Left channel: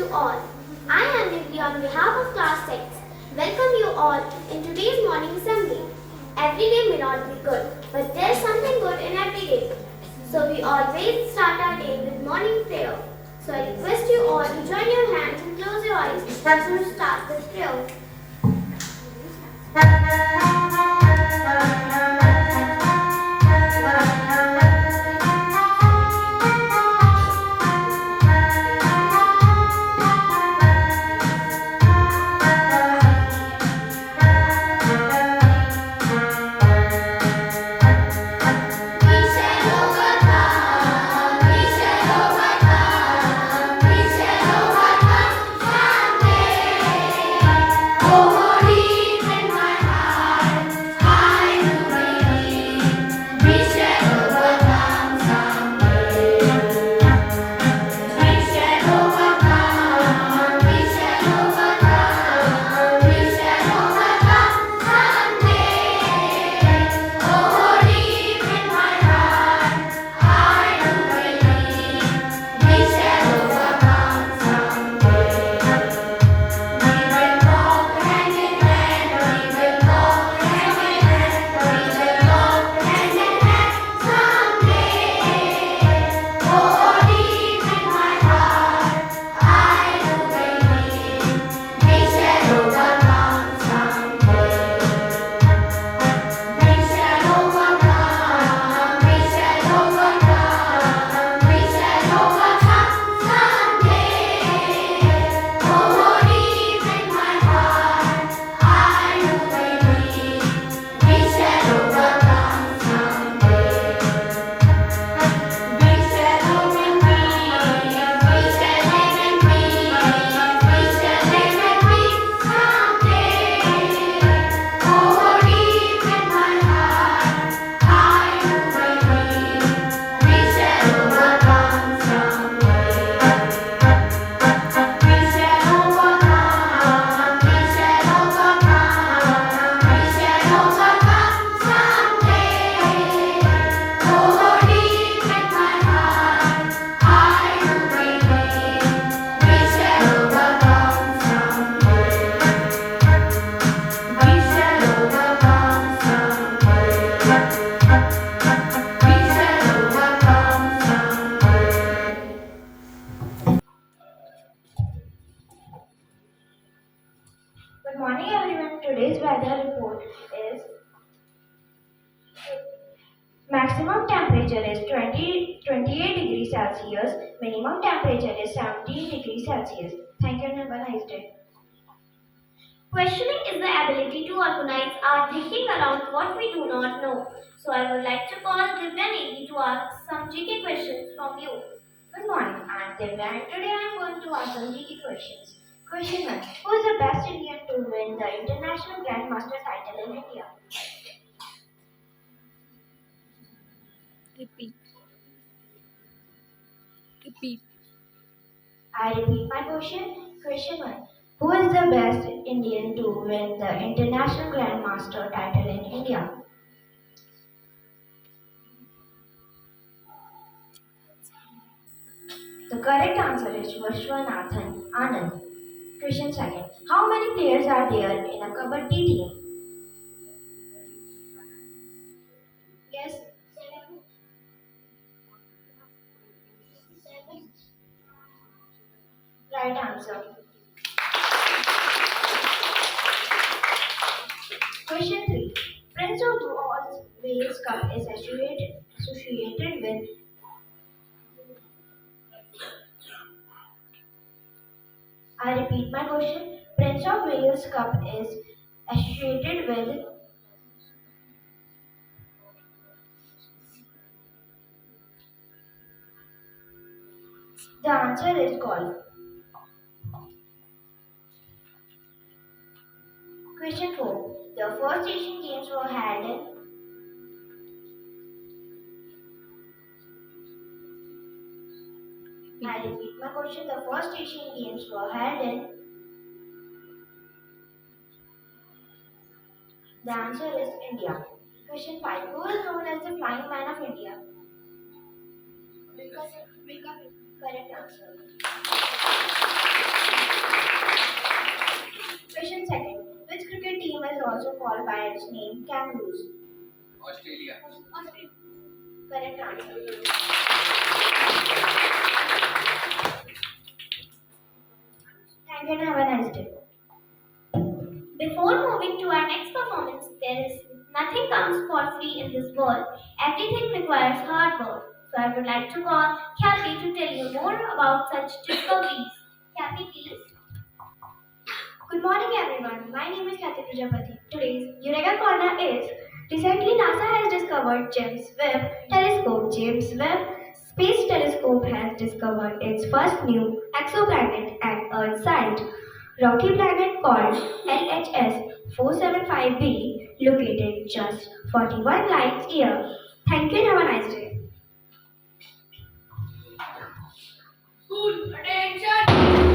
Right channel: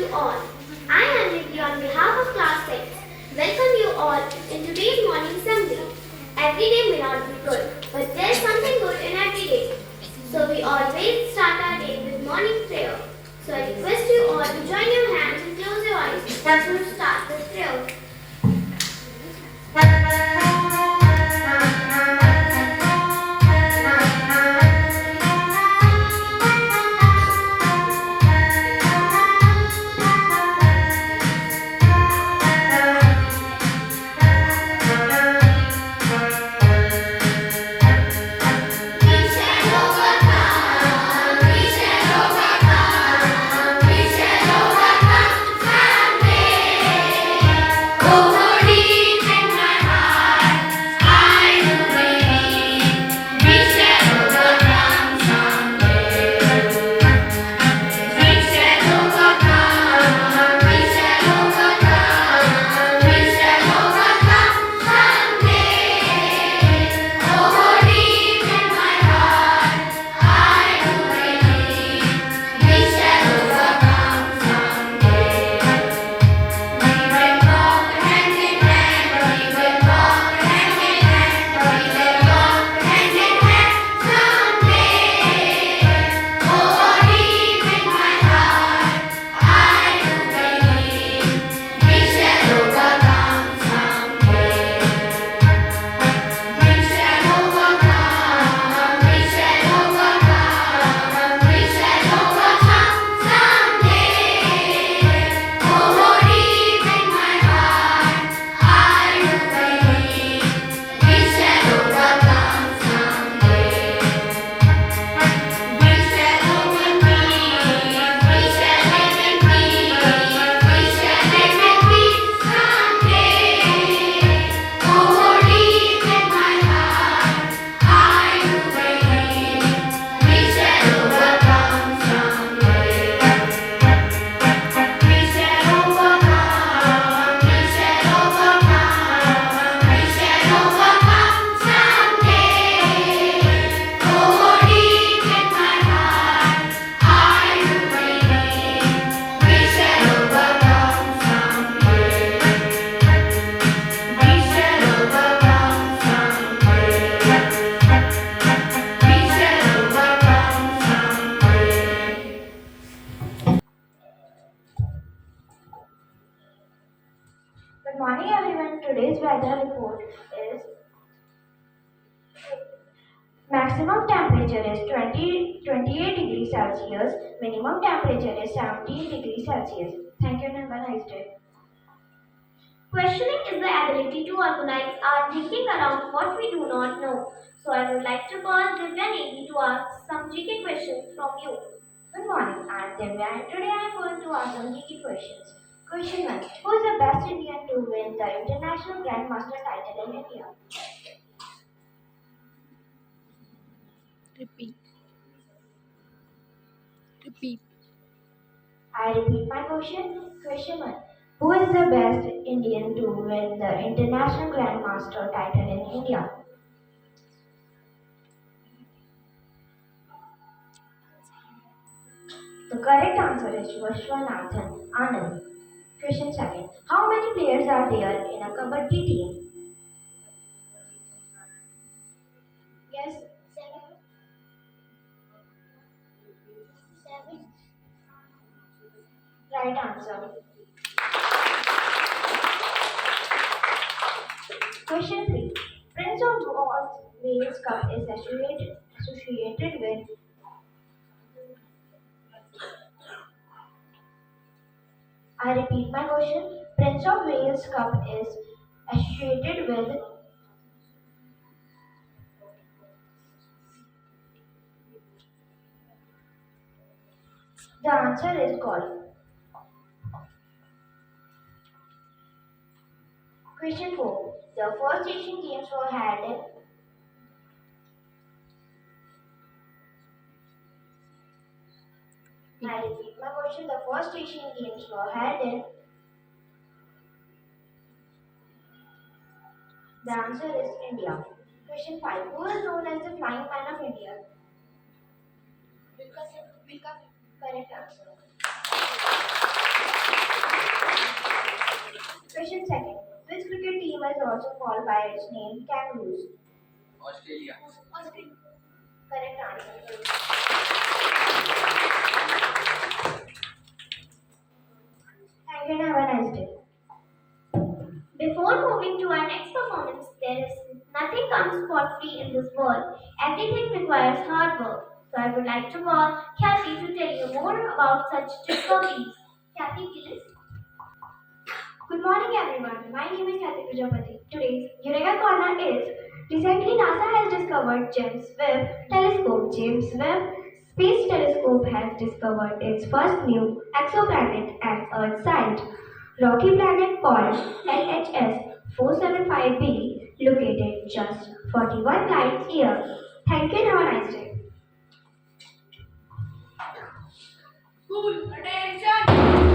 to all. I am Nidhi on behalf of Class 6. Welcome you all in today's morning assembly. Every day may not be good, but there is something good in every day. So we always start our day with morning prayer. So I request you all to join your hands and close your eyes as we start with prayer. Good morning everyone. Today's weather report is maximum temperature is 28 degrees Celsius, minimum temperature is 17 degrees Celsius. Thank you and have a nice day. Questioning is the ability to organize our thinking around what we do not know. So I would like to call Divya Negi to ask some GK questions from you. Good morning. I am Divya and today I am going to ask some GK questions. Question 1. Who is the best Indian to win the International Grandmaster title in India? Repeat. Repeat. I repeat my question. Question 1. Who is the best Indian to win the International Grandmaster title in India? The correct answer is Vishwanathan Anand. Question 2. How many players are there in a Kabaddi team? Yes, seven. Seven. Right answer. Question 3. Prince of Wales Cup is associated with. I repeat my question. Prince of Wales Cup is associated with. The answer is golf. Question 4. The first Asian Games were held in. I repeat my question. The first Asian Games were held in. The answer is India. Question 5. Who is known as the Flying Man of India? Correct answer. also called by its name kangaroos? Australia. Correct answer. Thank you and have a nice day. Before moving to our next performance, there is nothing comes for free in this world. Everything requires hard work. So I would like to call Kathy to tell you more about such discoveries. Kathy, please. Good morning, everyone. My name is Kathy Prajapati. Today's Eureka Corner is recently NASA has discovered James Webb Telescope. James Webb Space Telescope has discovered its first new exoplanet and Earth-sized rocky planet called LHS 475b, located just 41 light years. Thank you and have a nice day. School, attention!